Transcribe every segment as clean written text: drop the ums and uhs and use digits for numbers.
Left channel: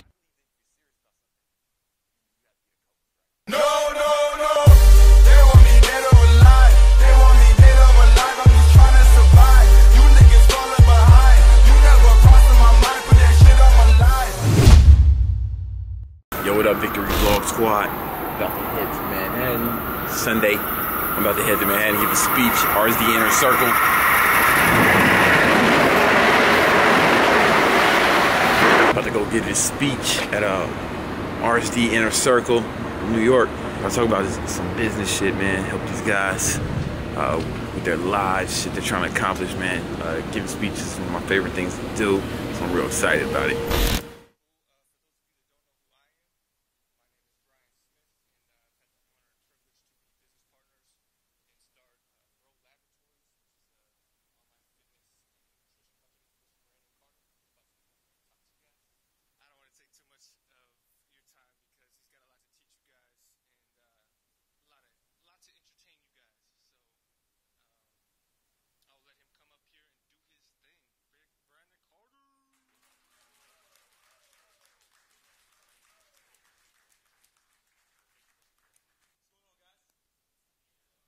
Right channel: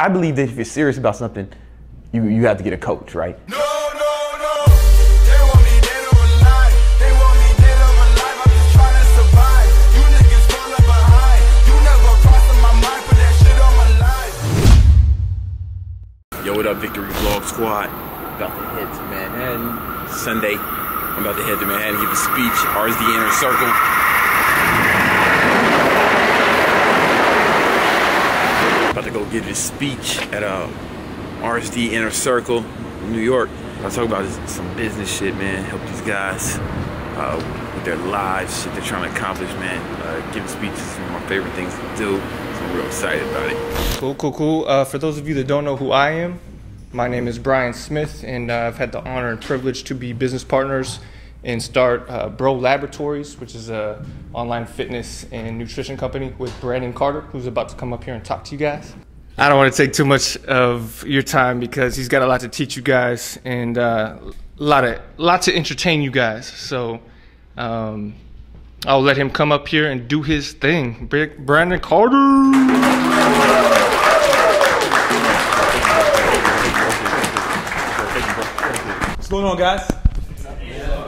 I believe that if you're serious about something, you have to get a coach, right? No. They want me dead or alive. They want me dead or alive. I'm just trying to survive. You niggas falling behind. You never crossed my mind. Put that shit on my life. Yo, what up, Victory Vlog Squad? About to head to Manhattan. Sunday, I'm about to head to Manhattan, give a speech, RSD Inner Circle. About to go give a speech at RSD Inner Circle in New York. I'll talk about some business shit, man. Help these guys with their lives, shit they're trying to accomplish, man. Giving speeches is one of my favorite things to do, so I'm real excited about it. Cool. For those of you that don't know who I am, my name is Brian Smith, and I've had the honor and privilege to be business partners and start Laboratories, which is an online fitness and nutrition company with Brandon Carter, who's about to come up here and talk to you guys. I don't want to take too much of your time because he's got a lot to teach you guys and a lot to entertain you guys. So I'll let him come up here and do his thing. Brandon Carter. What's going on, guys?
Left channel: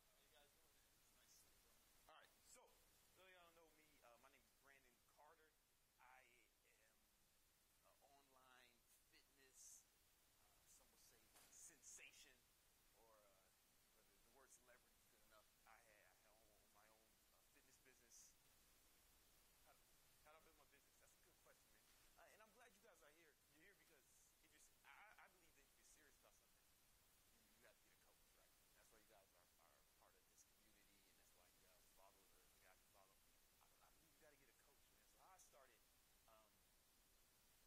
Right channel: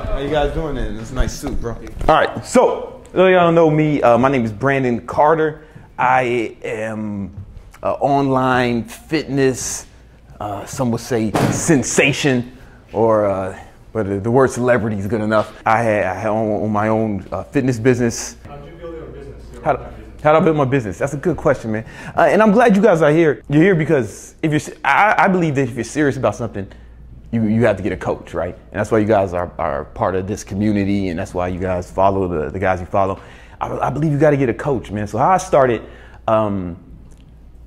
How you guys doing then? It's a nice suit, bro. All right, so y'all don't know me. My name is Brandon Carter. I am an online fitness, some would say sensation, or but the word celebrity is good enough. I own my own fitness business. How'd you build your business? How'd I build my business? That's a good question, man. And I'm glad you guys are here. You're here because I believe that if you're serious about something, you have to get a coach, right? And that's why you guys are part of this community, and that's why you guys follow the guys you follow. I believe you got to get a coach, man. So how I started,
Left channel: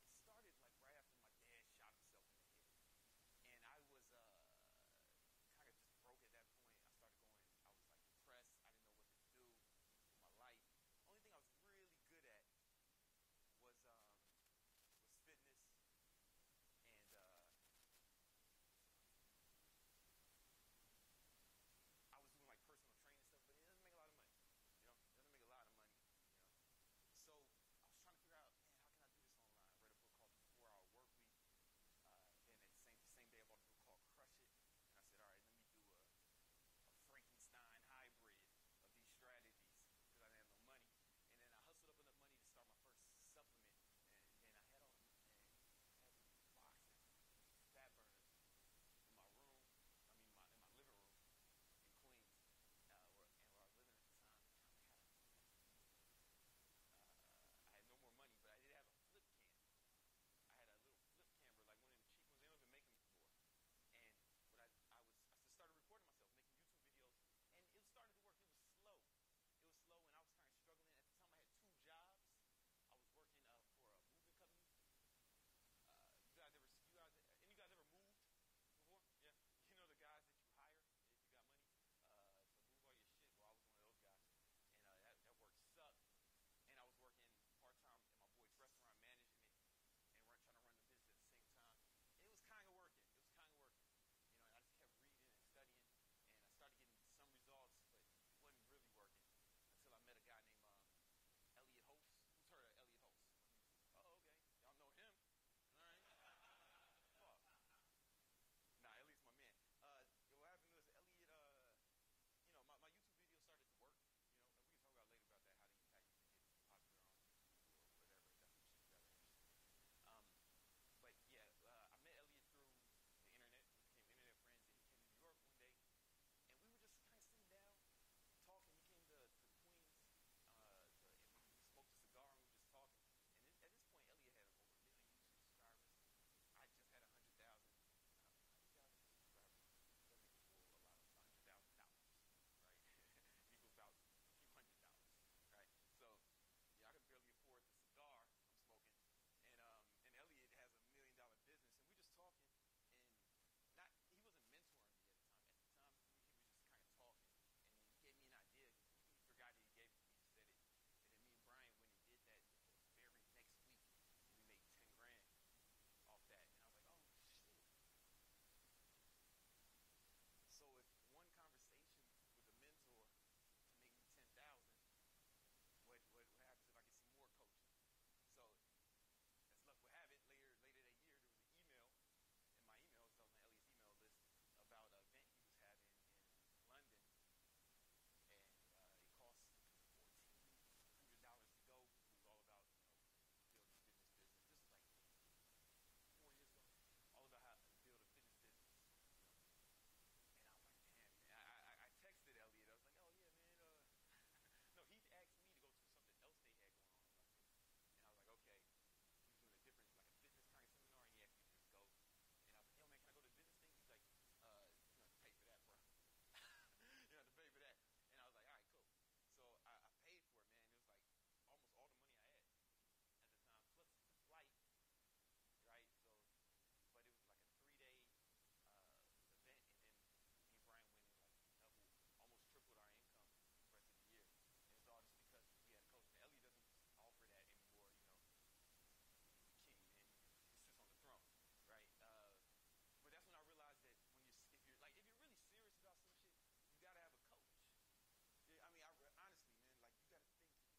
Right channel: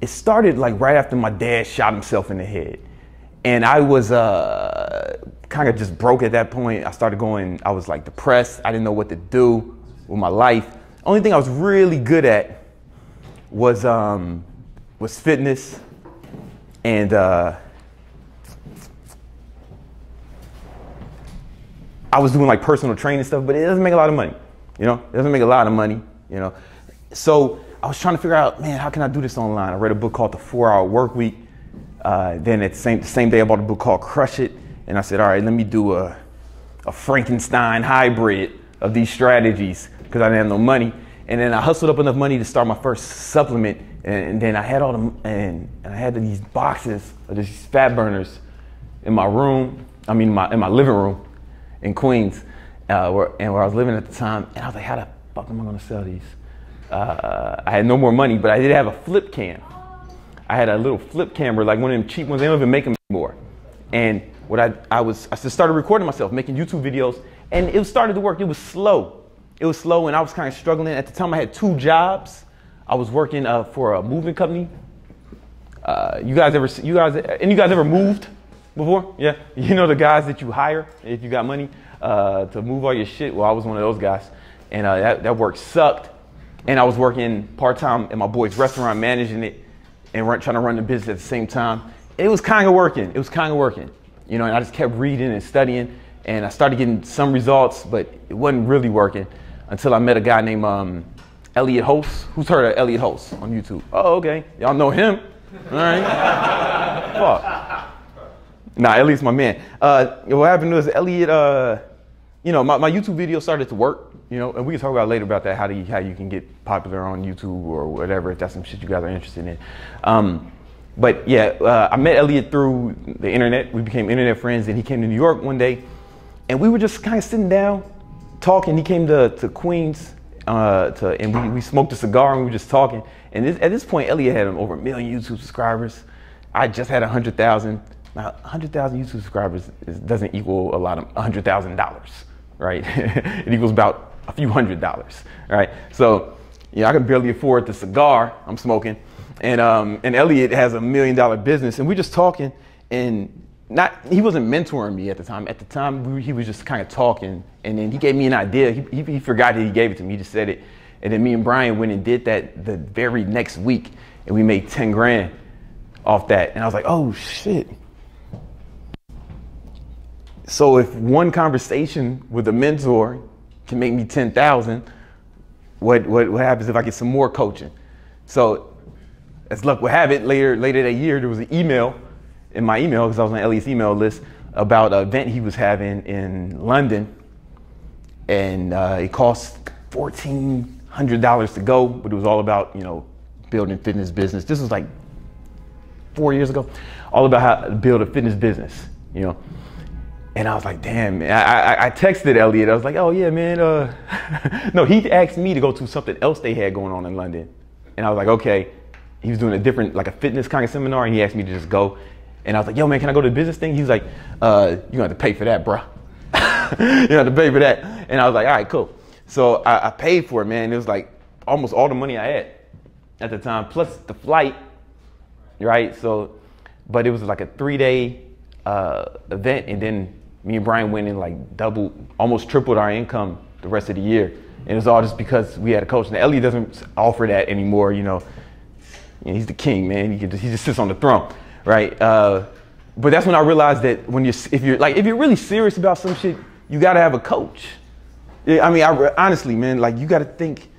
it started like right after my dad shot himself in the head. And I was kind of just broke at that point. I was like depressed. I didn't know what to do with my life. Only thing I was really good at was fitness, and I was doing like personal training stuff, but it doesn't make a lot of money, you know? It doesn't make a lot of money, you know? So I was trying to figure out, man, how can I do this online? I read a book called The 4-Hour Workweek. Then at the same day, I bought a book called Crush It. And I said, all right, let me do a Frankenstein hybrid of these strategies, because I didn't have no money. And then I hustled up enough money to start my first supplement. And then I had and I had these boxes of these fat burners in my room, in my living room in Queens, where I was living at the time. And I was like, how the fuck am I gonna sell these? I had no more money, but I did have a flip cam. I had a little flip camera, like one of them cheap ones. They don't even make them anymore. And what I just started recording myself, making YouTube videos, and it started to work. It was slow. It was slow, and I was kind of struggling. At the time, I had 2 jobs. I was working for a moving company. You guys ever moved before? Yeah, you know the guys that you hire if you got money to move all your shit. Well, I was one of those guys, and that work sucked. And I was working part-time at my boy's restaurant, managing it, and trying to run the business at the same time. It was kind of working. You know, and I just kept reading and studying, and I started getting some results, but it wasn't really working until I met a guy named Elliot Host. Who's heard of Elliot Host on YouTube? Oh, okay. Y'all know him. All right. Fuck. Nah, Elliot's my man. What happened was Elliot, you know, my YouTube video started to work, you know, and we can talk about later about that, how you can get popular on YouTube or whatever, if that's some shit you guys are interested in. But yeah, I met Elliot through the internet. We became internet friends, and he came to New York one day, and we were just kind of sitting down, talking. He came to Queens, and we smoked a cigar, and we were just talking. And at this point, Elliot had over 1 million YouTube subscribers. I just had 100,000. Now, 100,000 YouTube subscribers doesn't equal a lot of $100,000, right? It equals about a few $100s, right? So, I can barely afford the cigar I'm smoking. And Elliot has $1 million business, and we're just talking, and he wasn't mentoring me at the time. At the time, he was just kind of talking, and then he gave me an idea. He forgot that he gave it to me. He just said it, and then me and Brian went and did that the very next week, and we made 10 grand off that. And I was like, oh shit. So if one conversation with a mentor can make me 10,000, what happens if I get some more coaching? So as luck would have it, later that year, there was an email in my email, because I was on Elliot's email list, about an event he was having in London. And it cost $1,400 to go, but it was all about, you know, building fitness business. This was like 4 years ago, all about how to build a fitness business, you know. And I was like, damn, man. I texted Elliot. I was like, oh yeah, man. No, he asked me to go to something else they had going on in London. And I was like, okay. He was doing a different, like a fitness kind of seminar, and he asked me to just go. And I was like, yo, man, can I go to the business thing? He was like, you're gonna have to pay for that, bro. You have to pay for that. And I was like, all right, cool. So I paid for it, man. It was like almost all the money I had at the time, plus the flight, right? So, but it was like a 3-day event, and then me and Brian went and like almost tripled our income the rest of the year. And it was all just because we had a coach. Now, Elliot doesn't offer that anymore, you know. He's the king, man. He just sits on the throne, right? But that's when I realized that if you're really serious about some shit, you gotta have a coach. I mean, honestly, man, like you gotta think.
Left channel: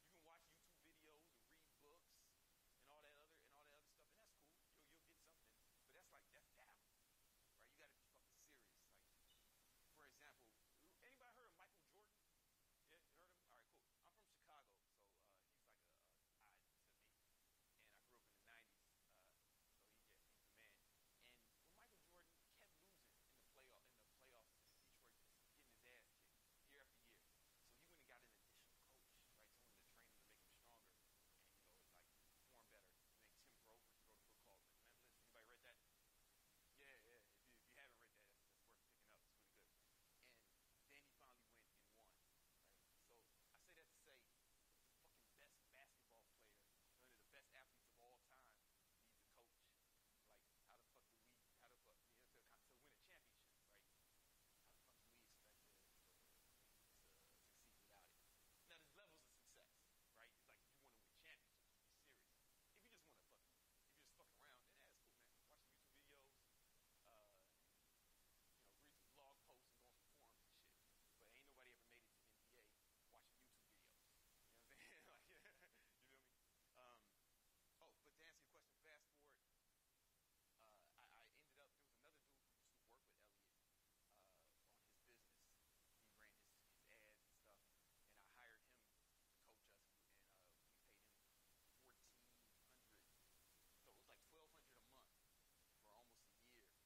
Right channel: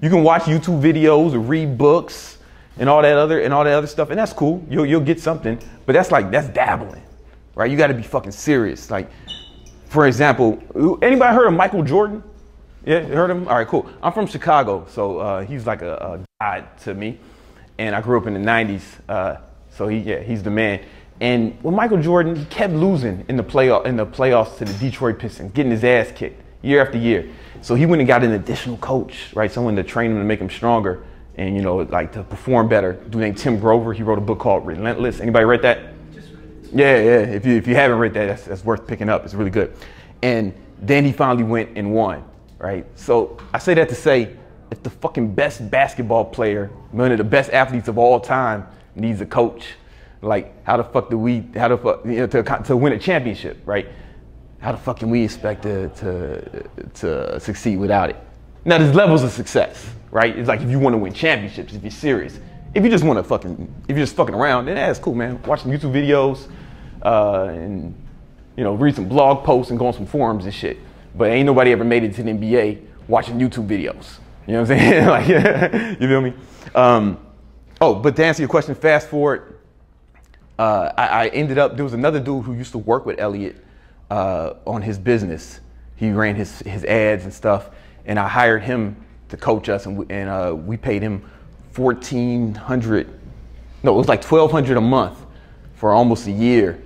You can watch YouTube videos or read books and all that other stuff, and that's cool. You'll get something, but that's dabbling, right? You gotta be fucking serious. Like, for example, anybody heard of Michael Jordan? Yeah, you heard of him? All right, cool. I'm from Chicago, so he's like a god to me, and I grew up in the '90s, so he's the man. And with Michael Jordan, he kept losing in the playoffs to the Detroit Pistons, getting his ass kicked year after year. So he went and got an additional coach, right? Someone to train him to make him stronger and, you know, like to perform better. A dude named Tim Grover. He wrote a book called Relentless. Anybody read that? Yeah. If you haven't read that, that's worth picking up. It's really good. And then he finally went and won, right? So I say that to say, if the fucking best basketball player, one of the best athletes of all time, needs a coach, like how the fuck to win a championship, right? How the fuck can we expect to succeed without it? Now there's levels of success, right? It's like if you want to win championships, if you're serious. If you just want to if you're just fucking around, then that's cool, man. Watch some YouTube videos, and you know, read some blog posts and go on some forums and shit. But ain't nobody ever made it to the NBA watching YouTube videos. You know what I'm saying? Like, you feel me? But to answer your question, fast forward, I ended up, there was another dude who used to work with Elliot on his business. He ran his ads and stuff, and I hired him to coach us, and we paid him $1,400, no, it was like $1,200 a month for almost a year,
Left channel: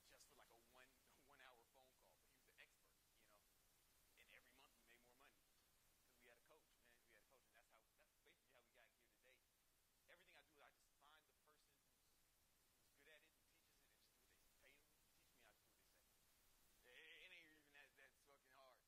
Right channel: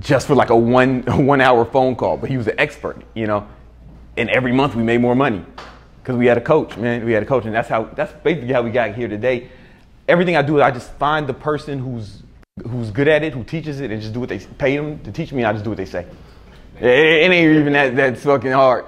just for like a one hour phone call. But he was an expert, you know, and every month we made more money because we had a coach, man. We had a coach, and that's basically how we got here today. Everything I do, I just find the person who's good at it, who teaches it, and just do what they pay them to teach me. I just do what they say. It ain't even that fucking hard.